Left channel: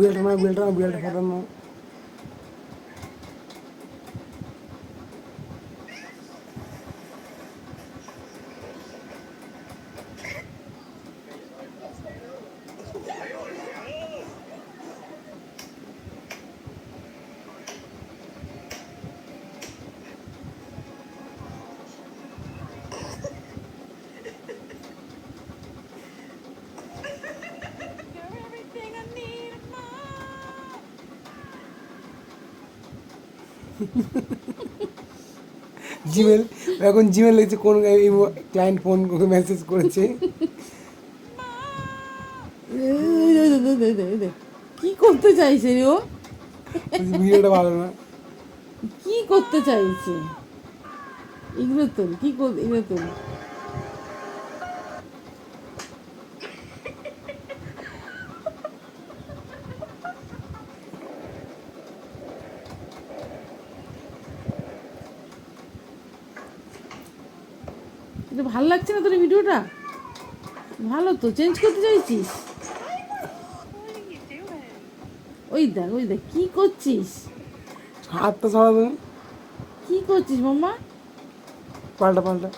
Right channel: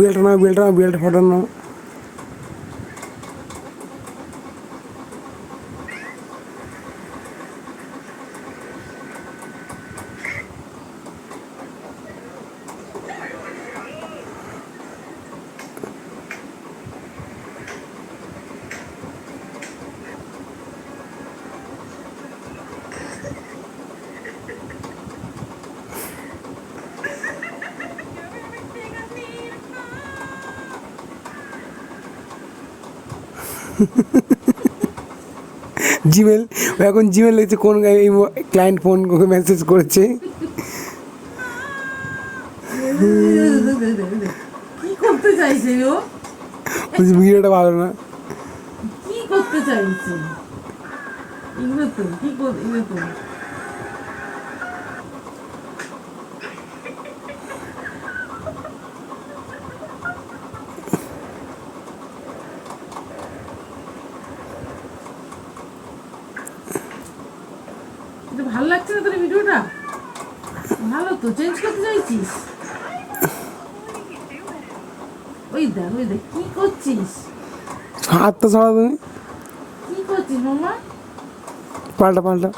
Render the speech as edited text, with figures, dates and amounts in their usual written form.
বেল্টটা ফাটানো। জিমেল, এখন জিমেল লিখছে কোন এই ক্লায়েন্ট ফোন মেসেজ করেছে। কি করতে চাইছে ও? ভিডিওটা ভালো না। কি করতে চাইছে এগুলো তো? কি এগুলো তো এটা ভালো লাগছে না তোর ভিডিওটা? ভালো তো, চেঞ্জ করতে চাইছিস? ওই দেখ কি করছিস? হাতটা ছাড়া তুমি। কি করছিস মামা? পাল্টা।